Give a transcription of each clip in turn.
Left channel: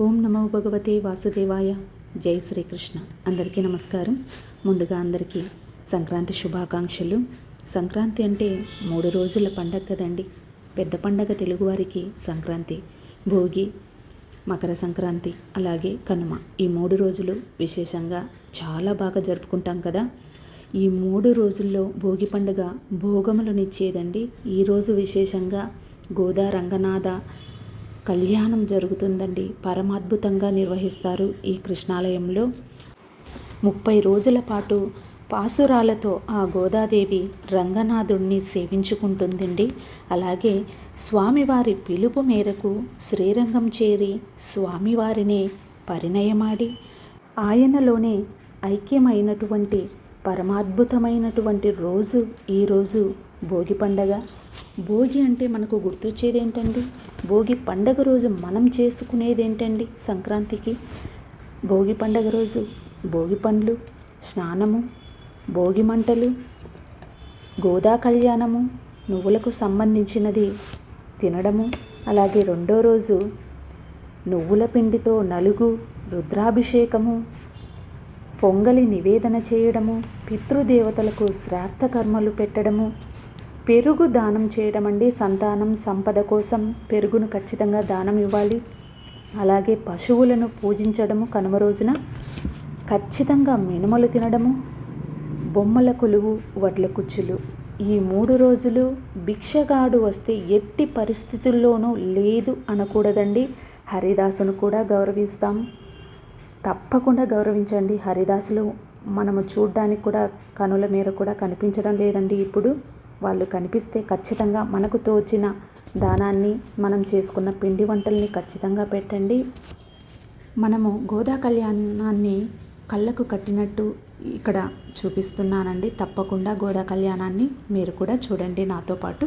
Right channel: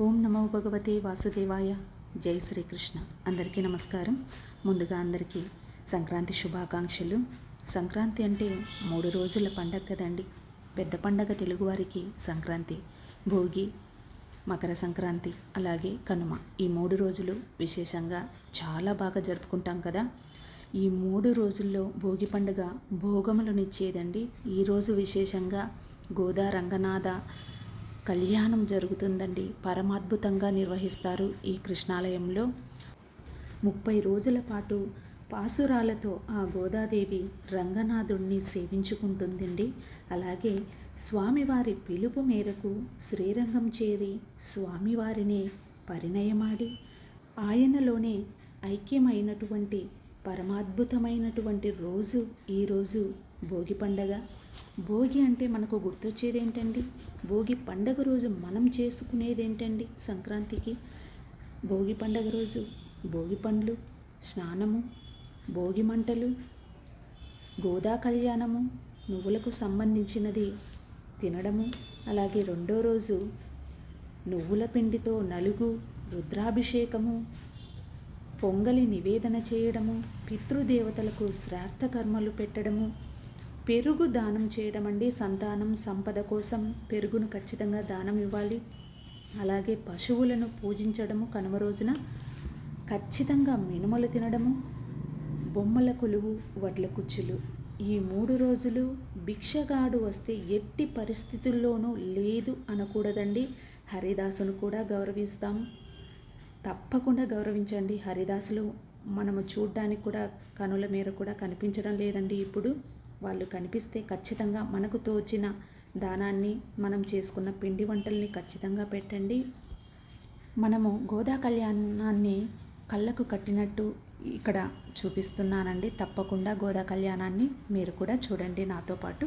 ఓం నమో భగవతే వాసుదేవాయ. జై శ్రీకృష్ణ. అందరికీ నమస్కారం. ముందుగా అందరికీ సంక్రాంతి శుభాకాంక్షలు. సంక్రాంతి అంటే మూడు రోజుల పండగ కదండి. పెద్ద పండగ తెలుగువారికి సంక్రాంతి భోగి మకర సంక్రాంతి అలాగే కనుమ. ఈ మూడు రోజులు విశేషంగా చాలా బాగా జరుపుకుంటాం కదా. ఈ మూడు రోజుల్లో భోగి పండుగ భోగములనిచ్చేదండి ఈరోజు విశేషంగా గోదా రంగనాథ కళ్యాణం జరుగుతుందండి. పరమాద్భుతంగా నిర్వహిస్తారు ఈ కృష్ణాలయంలో. ముప్పై రోజుల పాటు పాసురాలతో ఆ గోదాదేవి రంగనాథుణ్ణి సేవించుకుంటుందండి. అలాగే స్వామివారి పిలుపు మేరకు శ్రీరంగం చేరి స్వామివారినే పరిణయమాడి ఆయనలోనే ఐక్యమైనటువంటి పరమాద్భుతమైనటువంటి రోజు ఈరోజు భోగి పండగ. భోగి అంటే మనకు గుర్తొచ్చేది ఏంటండి భోగి పండగ రోజు మనం చేసుకునేది ఏంటండి సంక్రాంతికి? భోగి పండగ రోజు భోగి పండ్లు స్నానము భోగి మంటలు గోదా కళ్యాణము నువ్వులకు సంబంధించినది తినడము అలాగే రెండో రోజు నువ్వుల పిండితో నలుగు రుద్రాభిషేకము పొంగలి నివేదన చేయడము పితృదేవతలకు శ్రాద్ధ కర్మలు పెట్టడము పెరుగు దానం చేయడం అండి సంతానం సంపద కోసం పెరుగును ఖచ్చితంగా దానం ఇవ్వాలి. అలాగే పశువులను పూజించడము కనుమ రోజున ఖచ్చితంగా మినుమలు తినడము బొమ్మల కొలువు వడ్ల కుచ్చులు. ఈ మూడు రోజులు భిక్షగాడు వస్తే ఎట్టి పరిస్థితుల్లోనూ లేదు అనకూడదండి. హరిదాసును కూడా గౌరవిస్తాం. తప్పకుండా గౌరవించండి. హరిదాసులు మనము చూడ్డానికి కూడా కనుల మేర కూడా కనిపించడం లేదండి ఇప్పుడు. వాళ్ళు కనిపిస్తే ఖచ్చితంగా మనకు తోచిన దానాన్ని మనం చేసుకున్న పిండి వంటల్ని ఖచ్చితంగా పెట్టండి. మనము గోదా కళ్యాణాన్ని కళ్ళకు కట్టినట్టు ఇక్కడ చూపిస్తున్నానండి. తప్పకుండా గోదా కళ్యాణాన్ని మీరు కూడా చూడండి నాతో పాటు.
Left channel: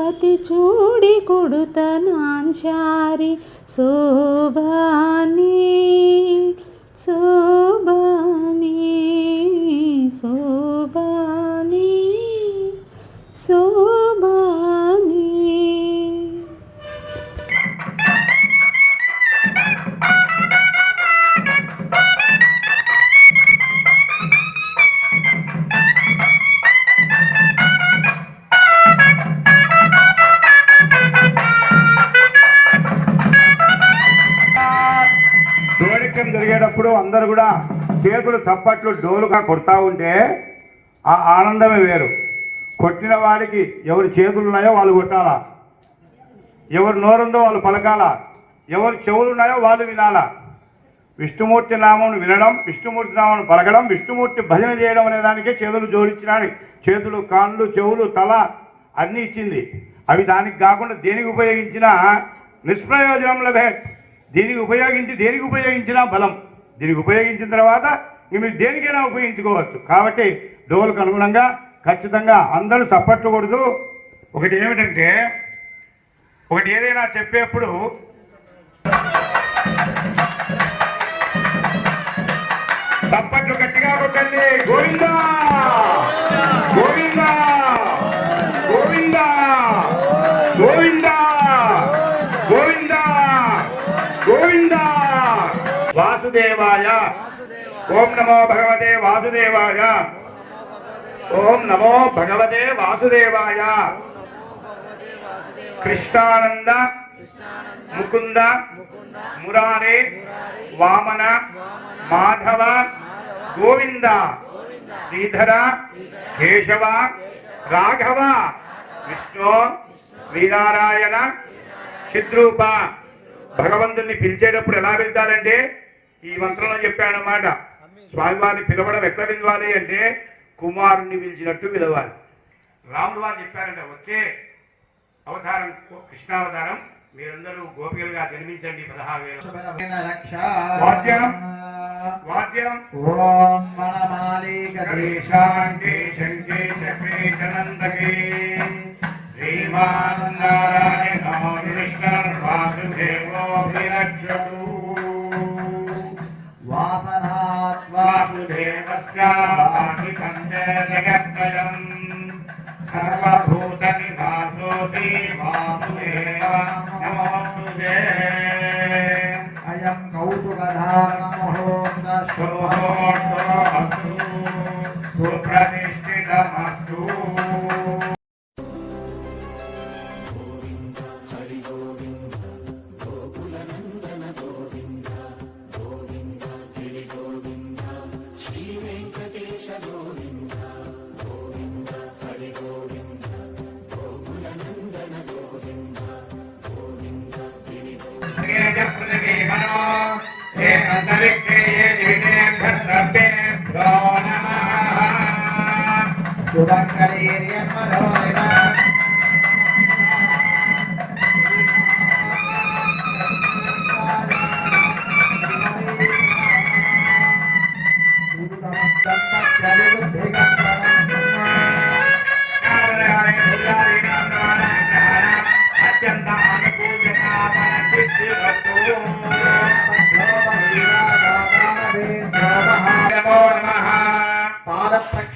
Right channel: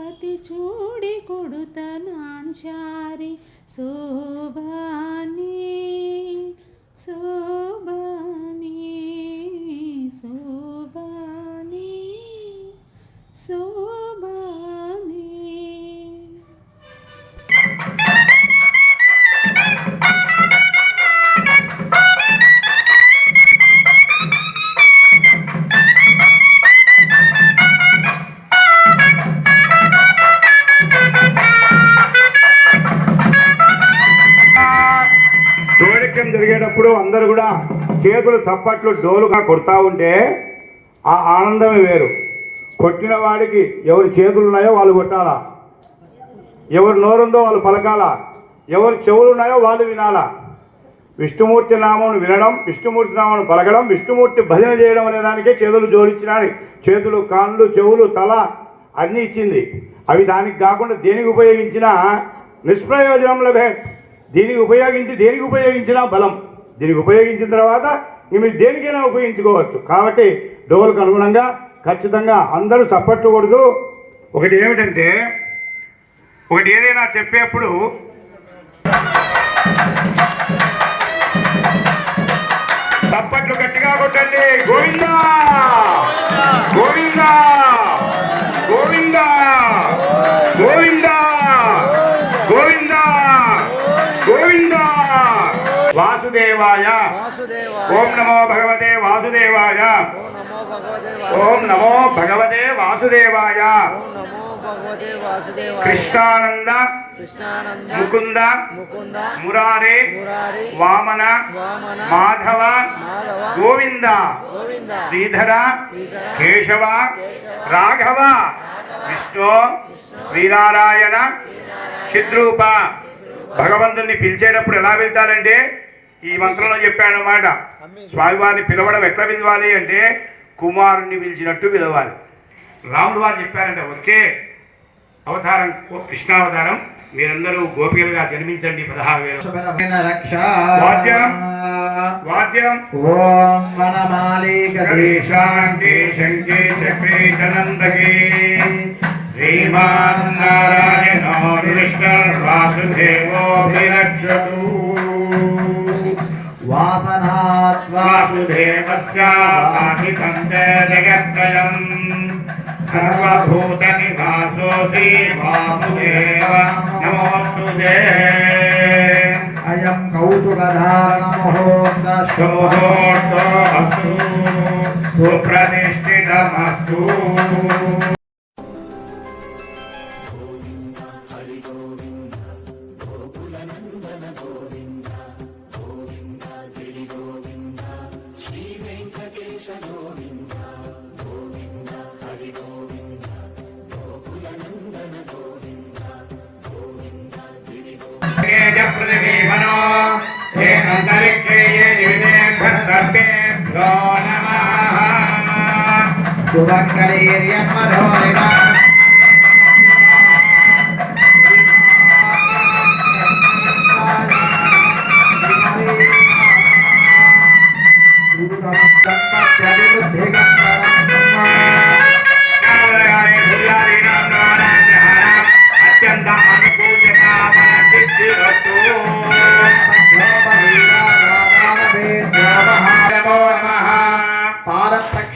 పతి చూడి కొడుతనాంచారి శోభాని శోభాని శోభాని శోభా చప్పట్లు డోలుగా కొడతా ఉంటే ఆ ఆనందమే వేరు. కొట్టిన వాడికి ఎవరి చేతులు ఉన్నాయో వాళ్ళు కొట్టాలా? ఎవరు నోరుందో వాళ్ళు పలకాలా? ఎవరు చెవులు ఉన్నాయో వాళ్ళు వినాలా? విష్ణుమూర్తి నామమును వినడం విష్ణుమూర్తి నామను పలకడం విష్ణుమూర్తి భజన చేయడం అనే దానికే చేతులు జోడించడానికి చేతులు కాళ్ళు చెవులు తల అన్నీ ఇచ్చింది. అవి దానికి కాకుండా దేనికి ఉపయోగించినా నిష్ప్రయోజనం లభే. దీనికి ఉపయోగించి దేనికి ఉపయోగించినా బలం. దీనికి ఉపయోగించిన తర్వాత మీరు దేనికైనా ఉపయోగించుకోవచ్చు. కాబట్టి డోలుకు అనుగుణంగా ఖచ్చితంగా అందరూ చప్పట్టకూడదు ఒకటి ఏమిటంటే ఒకటి ఏదైనా చెప్పేప్పుడు చప్పట్లు గట్టిగా కొట్టండి. గోవిందా! గోవిందా! ఓం నమో భగవతే వాసుదేవాయ. ఓం నమో భగవతే వాసుదేవాయ. కృష్ణానంద ముకుంద మురారే వామన మాధవ గోవింద శ్రీధర కేశవ రాఘవ విష్ణు శ్రీనారాయణ చిద్రూప. భగవంతుని పిలిచేటప్పుడు ఎలా వెళ్తారంటే ఈ మంత్రంలో చెప్పాడు అన్నమాట స్వామివారిని పిలవడం ఎట్లా పిలవాలి అంటే కుమారుణ్ణి పిలిచినట్టు పిలవాలి రాముడు వారు చెప్పారంట వచ్చే అవతారం కృష్ణావతారం మీరందరూ గోపికలుగా జన్మించండి పదహారు వేల రక్ష వాద్యం. వాద్యం ఓం శంకే చక్రే చనందకే శ్రీమాన్ నారాయణో वासुदेवस्याहितन्ते जगत्त्रयम् वासुदेव नमोऽस्तु सुप्रतिष्ठितमस्तु। నమోస్తుతే అయం కౌతుకధారణ మహోత్త శోభోర్తో అస్తు సుప్రతిష్ఠితమస్తు ప్రతిమనో ఏ అంతరిక్షే ఏ జగదేభ్యో నమః సువంకరీర్యం మనోరిణ నమోదయాయ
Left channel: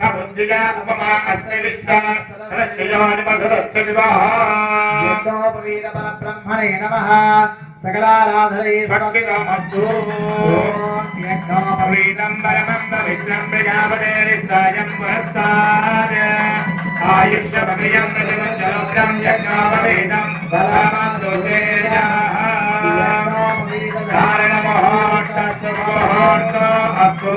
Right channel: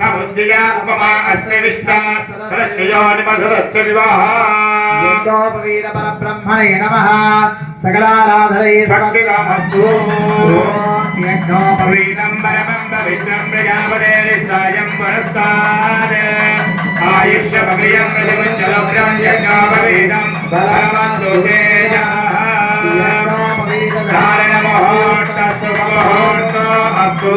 समुद्रिया उपमा अस्य विष्ठा सरस्वयोनिमधुरस्य विवाहः। यज्ञोपवीरपरब्रह्मणे नमः। सकलाराधरे सकलिरामस्तु यज्ञोपवीरं परमं पवित्रं प्रजापतेरिस्तायं पुरस्तारे आयुष्यमभियं प्रतिमुञ्चलोक्रं यज्ञोपवीरं परमस्तुते धारणमोहोर्टस्वमोहोर्टो अस्तु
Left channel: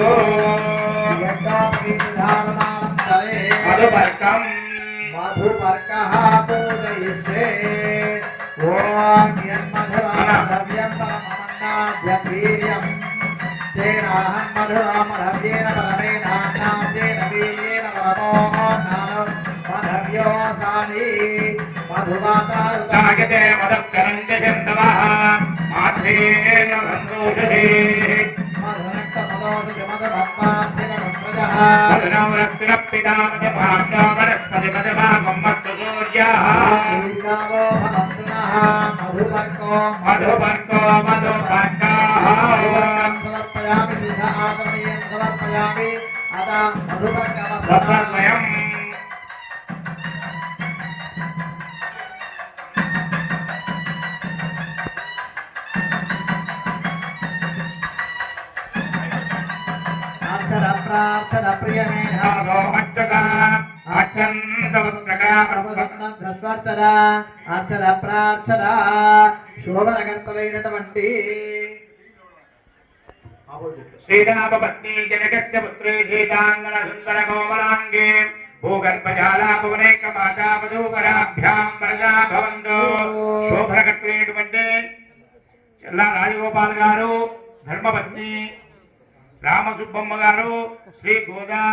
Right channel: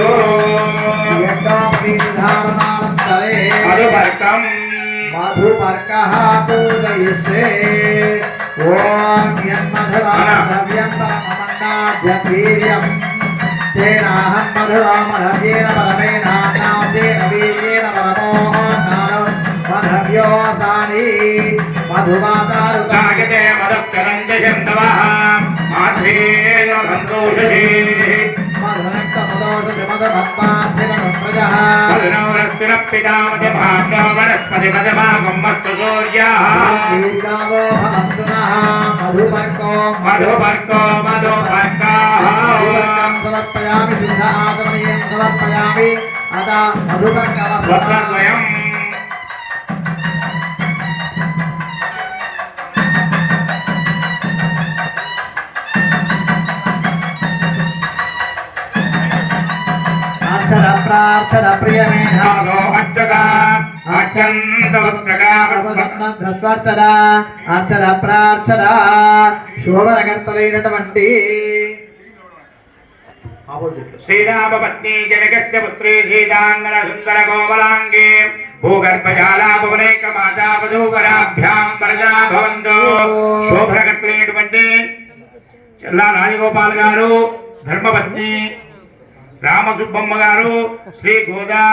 మధుపర్కః పూజయిష్యే ఓం యన్మధురామవ్యం పరమమన్నాద్యవీర్యం తేనాహం మధురామరవ్యేన పరమేనాన్నాద్యేన వీర్యేన పరమోన్నానం మధవ్యోసాని మధుమాతారుతా కాగితే మధుకరంది హిందవః మాధ్యేయ సంతోషే పితామతి భాగ్యో వనస్పతి మధుభాగం మస్తు సూర్యాః మధువర్గో సమర్పయామి శుద్ధ సమర్పయామి అత మధుపర్కవస్త్రం అక్షర ప్రార్థన ప్రియమేధ భాగో అచ్చంతవత్ప్రకాశ ధ్రస్వార్చన అక్షర ప్రార్థన శోభనకర్తలైనటువంటి శ్రీరామపత్ని జనకస్య పుత్రే సీతాంగన సుందర కోమలాంగే భూగర్భజాలాభవనేక మాతా వధూవరాభ్యాం వరదా భవంతు. శోభనకర్తలైనటువంటి చెల్లా రాజగోపాల్ గారు ధర్మపత్ని రామసుబ్బమ్మ గారు శ్రీ గోదా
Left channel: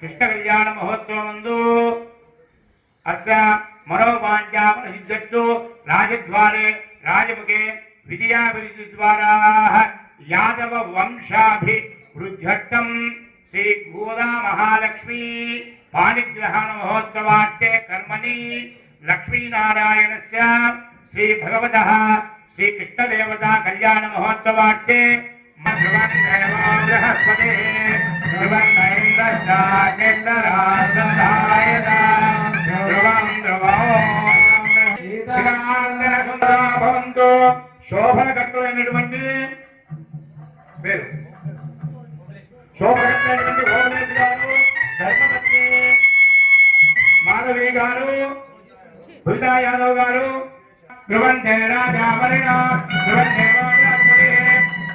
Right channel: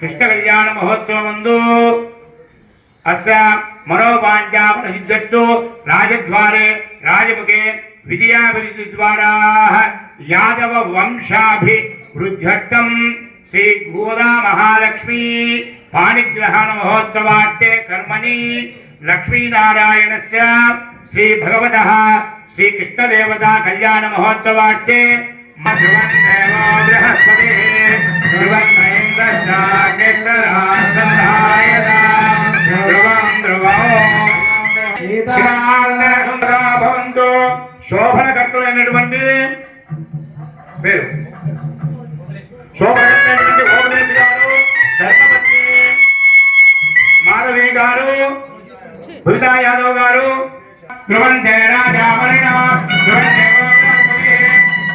కృష్ణ కళ్యాణ మహోత్సవం ముందు అస్య మనోవాంఛా ప్రసిద్ధట్టు రాజద్వారే రాజముఖే విజయాభివృద్ధి ద్వారా యాదవ వంశాభి వృద్ధట్టం శ్రీ గోదా మహాలక్ష్మి పాణిగ్రహణోత్సవాట్టే కర్మణి. లక్ష్మీనారాయణస్య శ్రీ భగవత శ్రీకృష్ణదేవత కళ్యాణ మహోత్సవాట్టే మధువన్ దేవో బృహస్పతి భవంతు శోభనకర్తలైనటువంటి పేరు. శోభనకర్తలైనటువంటి గారు ధర్మపత్ని మాధవి గారు బృందా యాదవ్ గారు ధ్రువంతే రాజావరణ ధ్రువంతే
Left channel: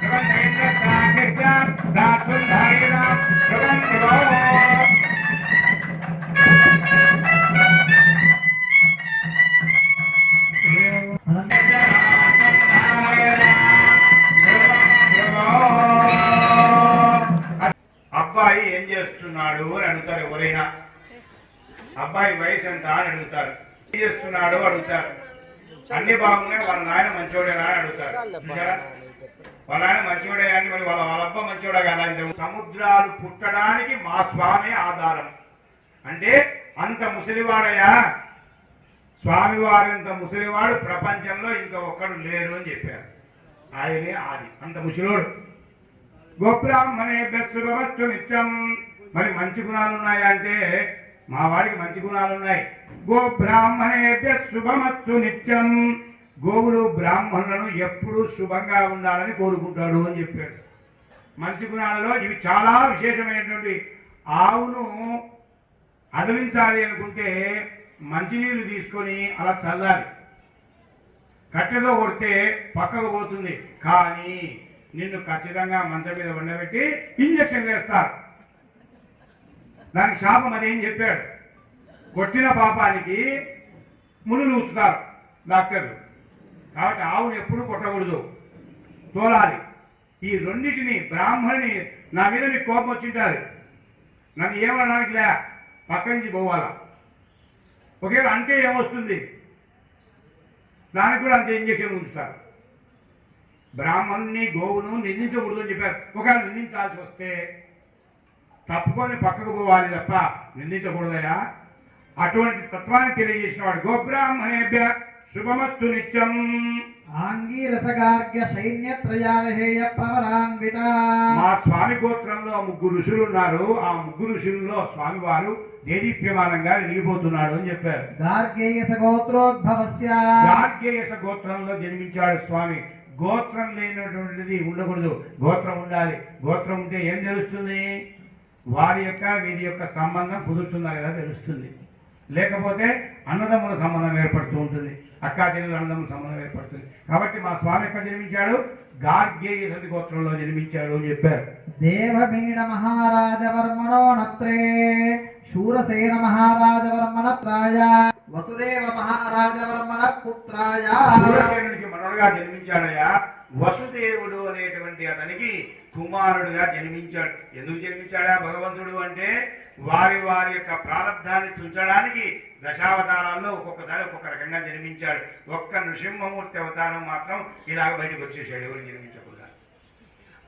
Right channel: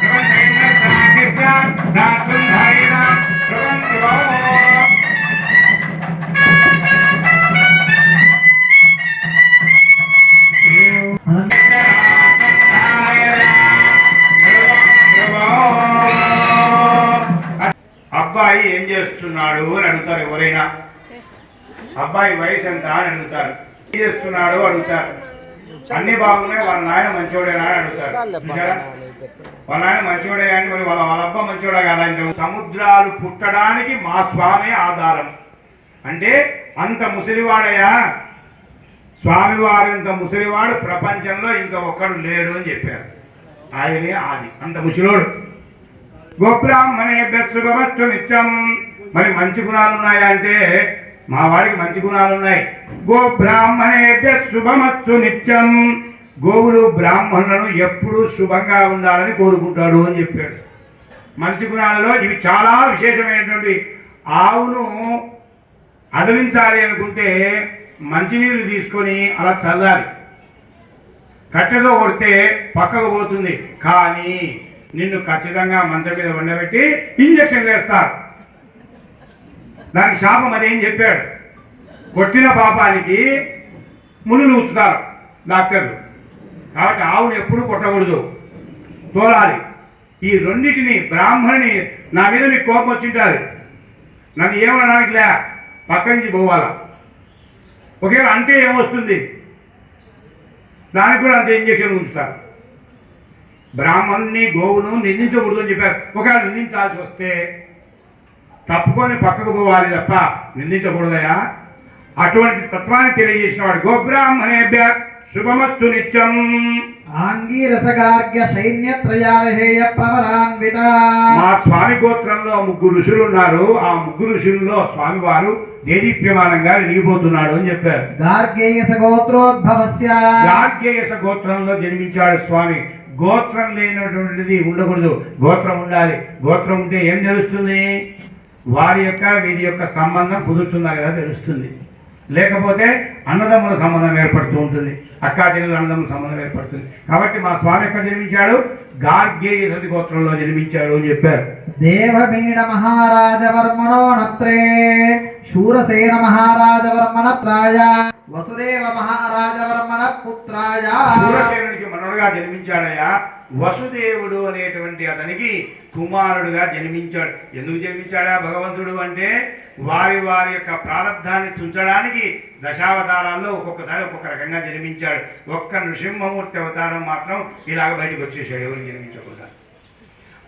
ధ్రువంతే కృష్ణ రాత్రి అబ్బాయి ఏం చేస్తున్నాడు అని అడుగుతారు ఎవరైనా? అబ్బాయి వయసు ఎంత అని అడుగుతారు. ఏం చేస్తున్నాడు అడుగుతారు. అన్ని బాగున్నాయి వాళ్ళ నాయన మంచివాడేనా అని అడుగుతారు. వాళ్ళ నాయన మంచివాడే కానీ మరి వాళ్ళ వాళ్ళ అబ్బా మంచివాడే కదా? సముద్రాలు పుట్టడానికి మా స్వామి ఆధారం. అంటే అంత ముసలివాడయ్యా స్వామివారు ఇంత ముసలివాడు ప్రపంచంలో ఇంకా ఒక్కడు లేడు అని చెప్పారు. ఆయనే ఆది. అంత ముసలోడు. గోబ్రాహ్మణే శుభమత్తు నిత్యం మరి మంచి గుణాలు ఉన్నాయా అంటే మా వాడికి మంచి గుణాలు ఉన్నాయి. గోబ్రాహ్మణే శుభమత్తు నిత్యం గోవులు బ్రాహ్మణులను ఎప్పుడూ శుభంగా ఉండాలని కోరుకుంటాడు అని చెప్పాడు. మంచి గుణాలలో ఇవి చాలా విశేషమైనటువంటి ఆవును అదలించాలి అనుకుంటే మంచినీళ్ళు తీసుకొని అలా చల్లాలి. కట్టెలో కొడితే పక్కకు పోతుంది. కానీ నిన్ను ఖచ్చితంగా మంచం మీద వండబెట్టి ఇంజక్షన్ వేస్తారు దానికి శాపం అదేం చెప్పాడు. కొట్టిన పాపానికి మునులు ఉంచుతారు డాక్టర్లు. కాబట్టి ఆవును ఎప్పుడు కొట్టకూడదు. తోలాలి. ఈ రెండింటిని బ్రాహ్మణుని నా మీద మీకు కోపం వచ్చింటారు నన్ను ఏమనడానికి లే పక్క నుంచి పోవాలా? ఒకవేళ అంటే ఏమొస్తుంది? దానికి కూడా అంత ఇంజక్షన్ ఉంచుతారు. బ్రాహ్మణ్ణి గోవును నిందించకూడదు అని చెప్పారు. ఒకవేళ నిందించాల్సి వస్తే తప్పుకొని పక్కకు పోవాలి తప్ప నిందించకూడదయా? అటువంటి తత్వాన్ని తెలియజేసిన వాడు గోబ్రాహ్మణేభ్య శుభమస్తు నిత్యం. ఆంగీరసగార్గ్య సైన్యత్రయాలహేయ ప్రవరాన్విత మా స్వామి గోత్రంలో ముగ్గురు ఋషులు ఉన్నారు ఆ ముగ్గురు ఋషుల్లో స్వామివారు దేదీప్యమానంగా వెలిగిపోతున్నాడు అని చెప్పారు. గార్గేయస గోత్రోద్భవస్య గార్గేయస గోత్రంలో జన్మించాడు స్వామి. గోత్రం లేనటువంటిది ఉండకూడదు. గోత్రం ఉండాలి. గోత్రం ఉంటే ఏం తెలుస్తుంది? వారి యొక్క వీరి యొక్క సంబంధం కుదురుతుందా కదా తెలుస్తుంది. లేకపోతే అన్నదమ్ముల సంబంధం ఏర్పడుతూ ఉంటుంది. అక్కా చెల్లెల అన్నదమ్ముల సంబంధం ఏర్పడుతుంది. కాబట్టి మా స్వామి ఎక్కడ జన్మించాడు? గార్గేయ గోత్రంలో జన్మించాడు అని చెప్పారు. దేవమీడ మహారాజవర్మణో నత్రే శూరసేన మహారాజవర్మణ ప్రాయ వసుదేవ మహారాజవర్మణ పుత్రాయ. సూరసేనునికి మనవడుగా జన్మించాడయ్యా. వసుదేవుడు అనేటువంటి అతనికి కుమారుడుగా జన్మించాడు. ఎందుకు జన్మించాడా భగవంతుడు అంటే వారి వారి యొక్క ప్రారంధాన్ని తుంచడానికి దశావతారాల్లో ఒక్కొక్కసారి ఒక్కొక్క రకంగా జన్మించాడు. ఒక్క నృసింహమూర్తి అవతారం మాత్రం ఇలాగ బయటకు వచ్చేసాడు ఎవరు జన్మించకూడదు.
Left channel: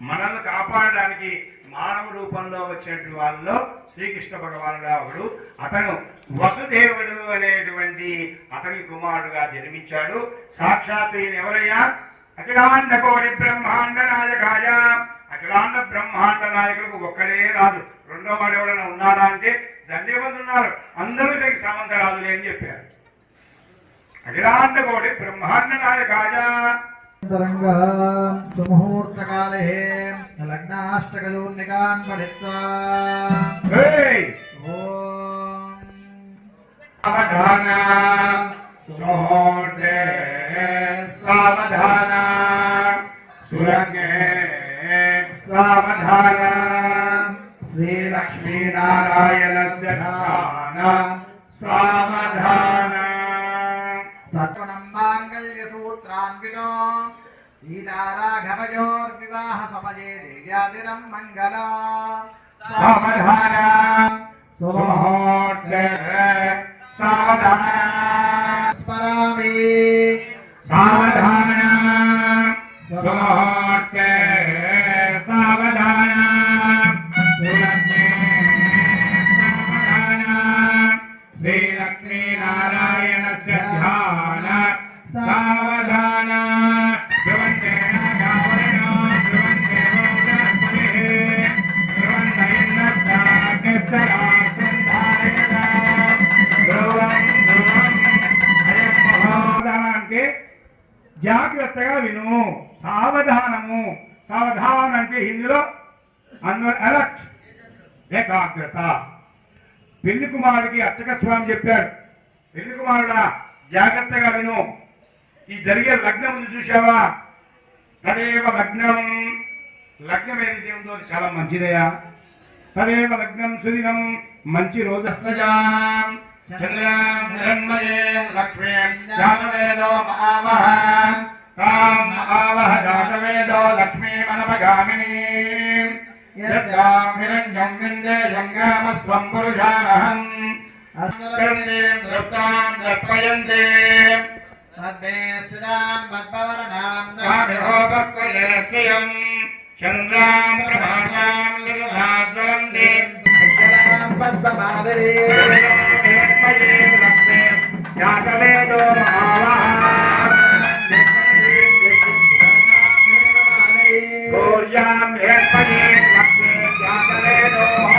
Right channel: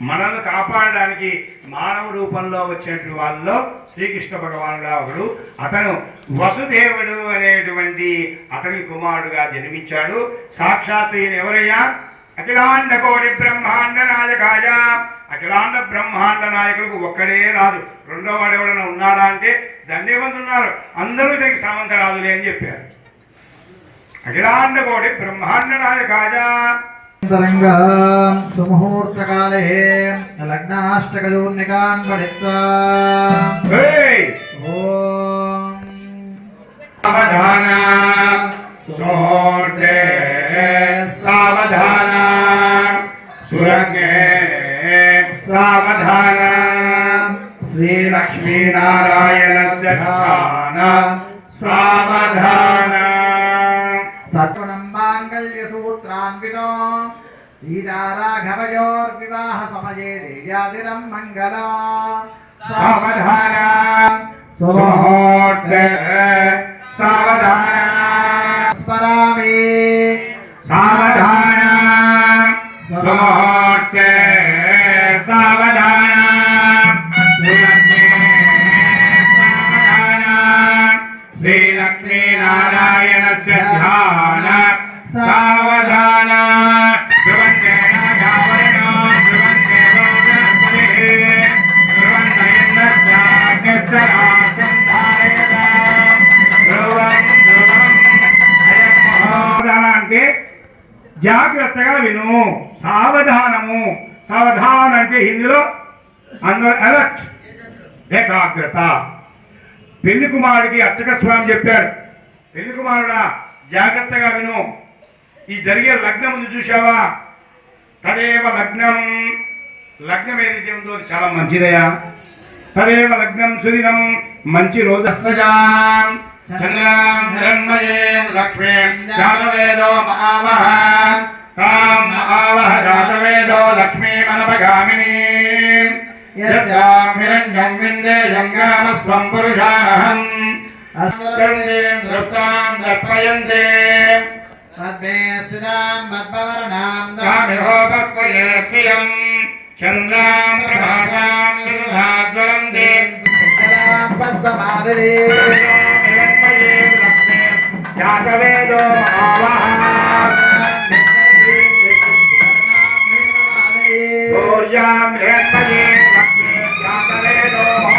మనల్ని కాపాడడానికి మానవ రూపంలో వచ్చేటువంటి వాళ్ళలో శ్రీకృష్ణ భగవానుడు ఒకడు. అతను వసుదేవుడు అనేటువంటి అతని కుమారుడుగా జన్మించాడు. సాక్షాత్ ఈయన ఎవరయ్యా? అఖిలాండ కోటి బ్రహ్మాండ నాయకాయ. అఖిలాండ బ్రహ్మాండ నాయకులకు ఒక్కడే రాదు. రెండో వాడు ఎవరైనా ఉన్నాడా అంటే ధన్యవాదు ఉన్నారు. అందరూ దీనికి సమంతరాదులే అని చెప్పారు. అఖిలాండ కోటి బ్రహ్మాండ నాయకాయ. సుముహూర్తకాలే లగ్నాష్టకయోన్నికాన్ పఠిత్వా సావధాన సావధాన సురంగే సావధాన శ్రీలక్ష్మీనారాయణ సావధాన సూత్రాన్వితో సీతారాఘవయోర్వివాహ సమయే దేవ్యాదిరం మంగళ. సావధాన సుమహోట్ విను సావధానము. సావధానం అంటే హిందీలో అందరు అలర్ట్ ఏకాగ్రత. పెళ్ళి కుమారుడికి అర్చక స్వామి చెప్పాడు. పెళ్ళి కుమారుడా జాగ్రత్తగా విను. ఈ జరిగే లగ్నం ముందు చూసావా తదేవ లగ్నం. లగ్నం ఏదైతే ఉందో చాలా మంచిదయా తదేవ లగ్నం సుదినం మంచి రోజు. అస్రజాం బ్రహ్మయే లక్ష్మీ లక్ష్మీం జాతవేదో మహావహ తాం మహావహ జాతవేదో లక్ష్మీమనపగామినీం యస్యాం హిరణ్యం విందేయం గామస్వం పురుషానహం అస్మరణీం దృప్తాం దర్పయంతే తద్మే స్థిరాం మద్భవరణాం కామిహోపక్వయే శ్రియం చంద్రాం ప్రభాసాం సుధాజ్వలంతే స్థిరాం పద్మమాదరే भूयाम हेतये लक्ष्मी जातले दो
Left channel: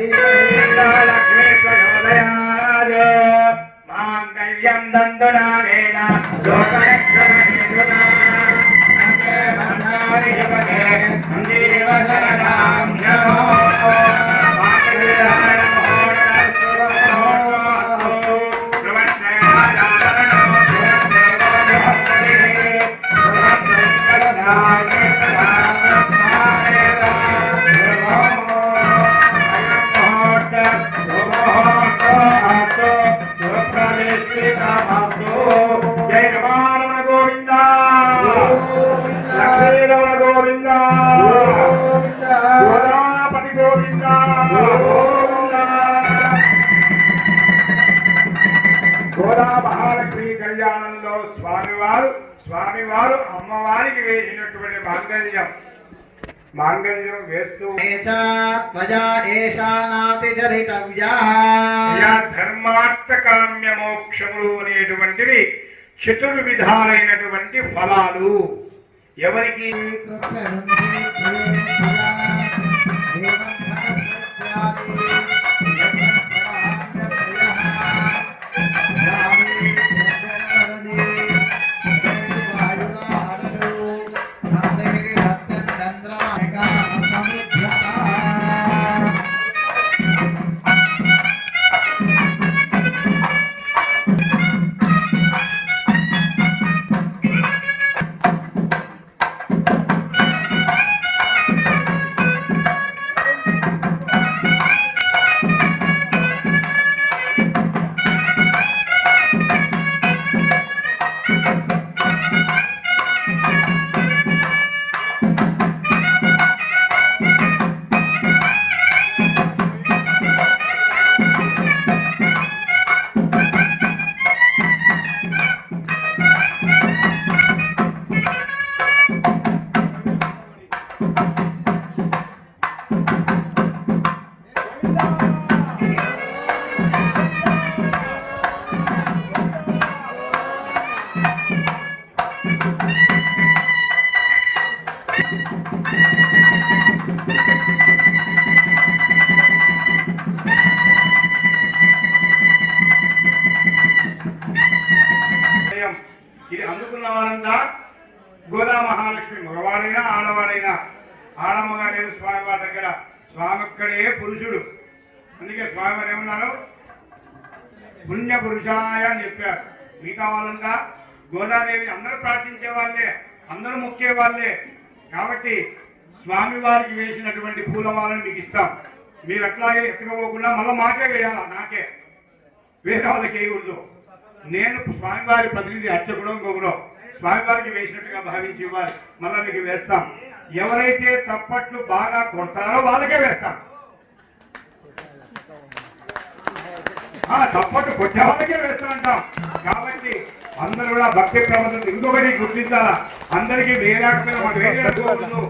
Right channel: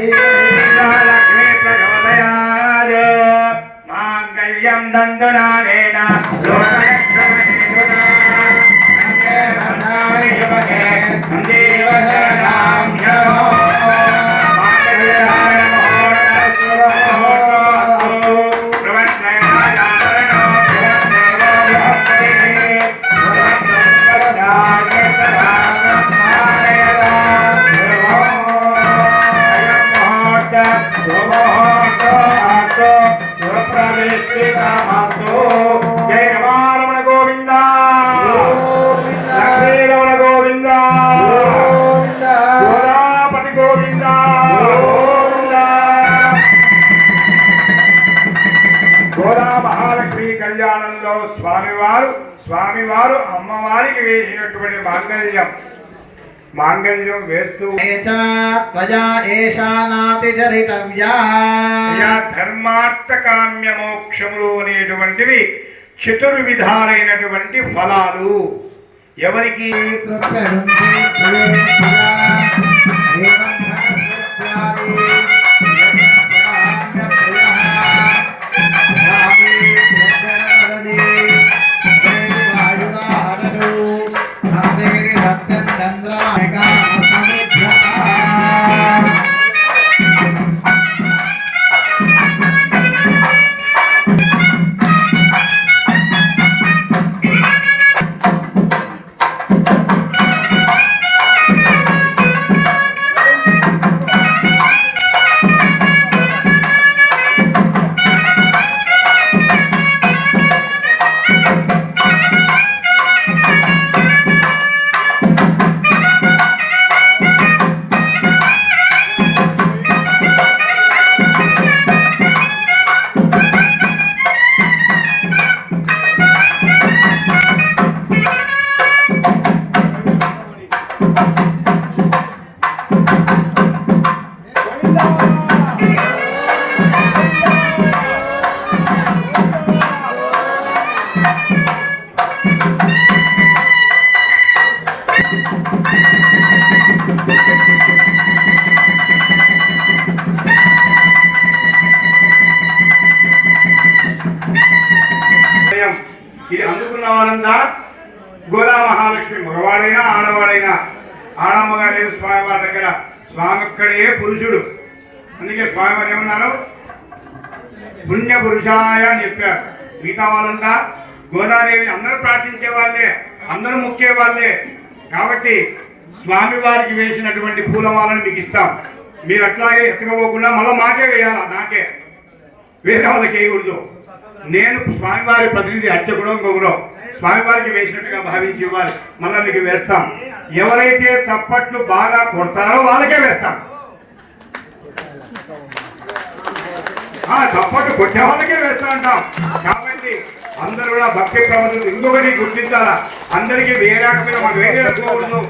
Yeah. జయ రమారమణ గోవింద. లక్ష్మీరమణ గోవింద. గోదాపతి గోవింద. గోదా మహాలక్ష్మి కళ్యాణంలో స్వామివారు స్వామివారు అమ్మవారికి వేసినటువంటి మాంగళ్యం. మాంగళ్యం వేస్తూ త్వజా ఏషానాతిచరితవ్యా అయ్యా ధర్మార్థ కామ్య మోక్షములు అనేటువంటివి చతుర్విధాలైనటువంటి ఫలాలు. ఎవరికి? చంద్రమాయక అందుకే స్వామివారు ఏమన్నారు? పుణ్య పురుషాయ అని చెప్పారు. మిగతా వాళ్ళంతా గోదాదేవి అందరూ ప్రార్థించే వాళ్ళే అందరూ మొక్కే వాళ్ళే. కాబట్టి స్వామి వారికి వేసినటువంటి పూలమాలను మీకు ఇస్తాం. మీరు అట్లాగే ఎత్తుకపోకుండా మళ్ళీ మాకే వేయాలా? నాకే. వేరే వాళ్ళకి వేయకూడదు. నేను స్వామివారి ప్రతినిధి అర్చకుడు ఇంకొకరు. స్వామివారికి వేసినట్టుగా భావించి ఇవ్వాలి. మళ్ళీ మీకు వేస్తాం. ఎవరైతే చప్పట్లు బాగా కొడతారో వాళ్ళకే వేస్తాం. ఆ చప్పట్లు కొట్టే వాళ్ళకే వేస్తూ ఉంటాం. కాబట్టి అందరూ కూడా భక్తి ప్రబంధం ఇంకొకటి గుర్తించాలా? అందరికీ వేరే రకమైన మాకు వేరే రకూడదు